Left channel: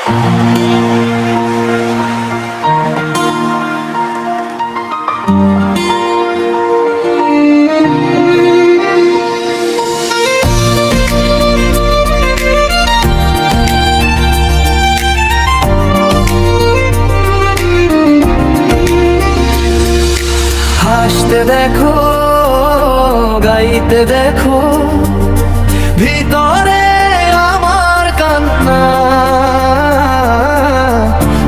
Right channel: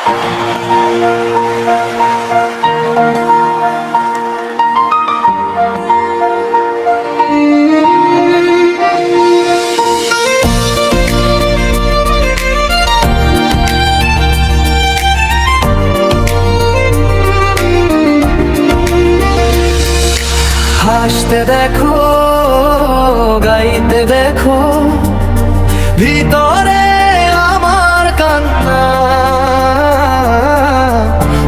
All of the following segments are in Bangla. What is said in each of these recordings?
হাসতে দেখো, গাইতে দেখো, ভিতরে আমার কান্না,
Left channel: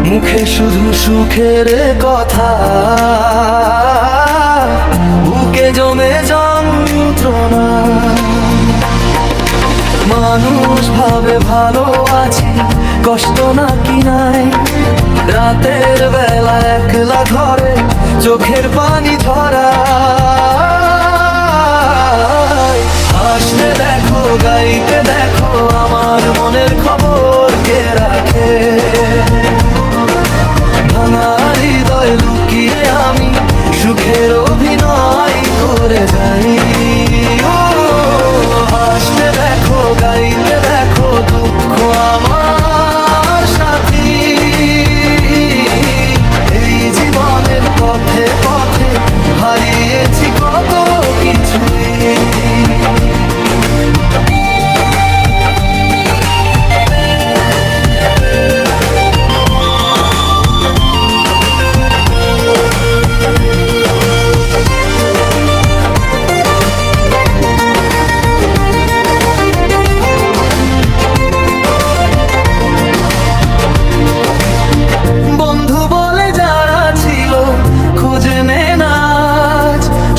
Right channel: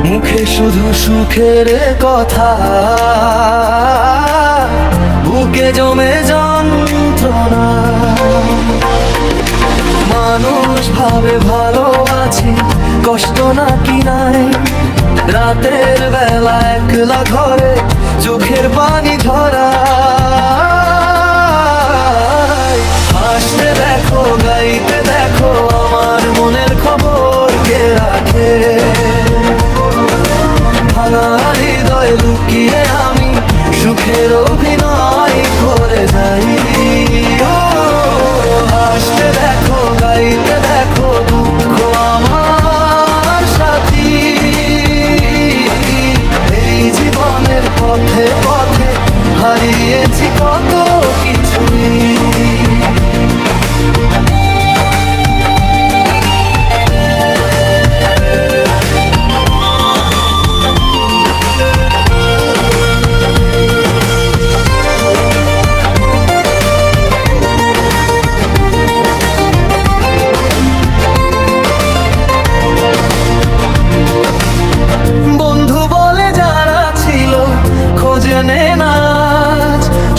মুখে শুধু সুখের কথা, বুকে জমে যন্ত্রণা। মানুষ ভাবে ভালো আছে, কষ্ট নাকি নাই, রাতের বেলা একলা ঘরে চোখের পানি ঝরা। হাসতে দেখো, গাইতে দেখো, আমার মনের খবর কে রাখে। ভাঙা হৃদয় লুকিয়ে আমি সুখের অভিনয় করে যাই। হাসতে দেখো, গাইতে দেখো, দুঃখ আমার সাথী। এই জীবনের পথে পথে হারিয়েছি কত কিছুই। বন্ধু বলে যারা ছিল খোঁজে নে না,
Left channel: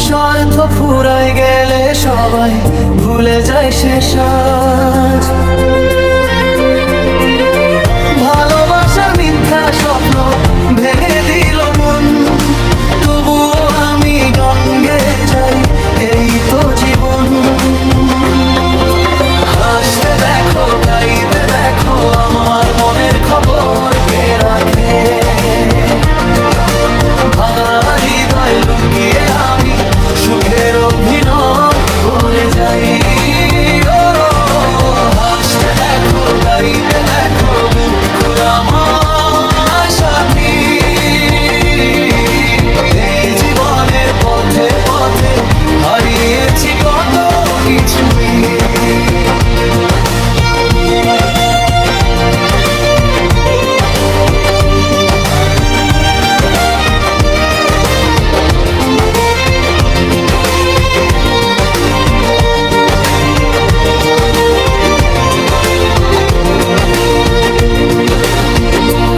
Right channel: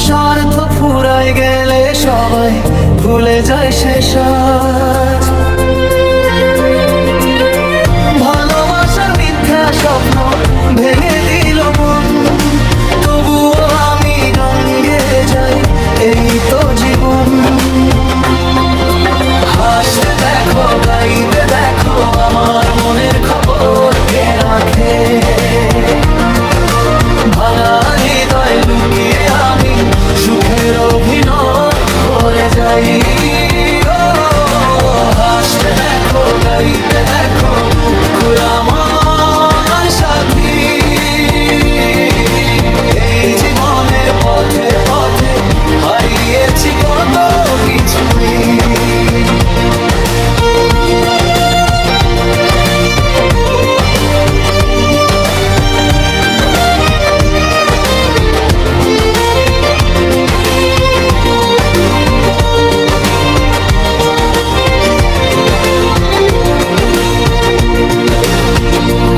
স্বার্থ ফুরায় গেলে সবাই ভুলে যায় সে সাজ। ভালোবাসার মিথ্যা স্বপ্ন ভেঙে দিল মন, তবুও আমি গঙ্গে যাই, এই তো জীবন। হাসতে দেখো, গাইতে দেখো, আমার মনের খবর কে রাখে। ভাঙা হৃদয় লুকিয়ে আমি সুখের অভিনয় করে যাই। হাসতে দেখো, গাইতে দেখো, দুঃখ আমার সাথী। এই জীবনের পথে পথে হারিয়েছি কত কিছুই।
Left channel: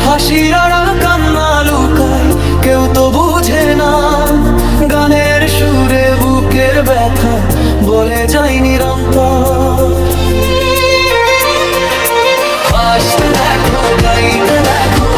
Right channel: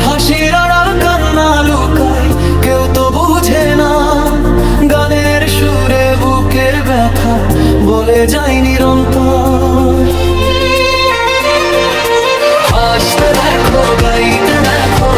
হাসির আড়াল কান্না লুকায়, কেউ তো বুঝে না। গানের সুরে বুকের ব্যথা বলে যায় নিরন্তর। হাসতে দেখো, গাইতে দেখো,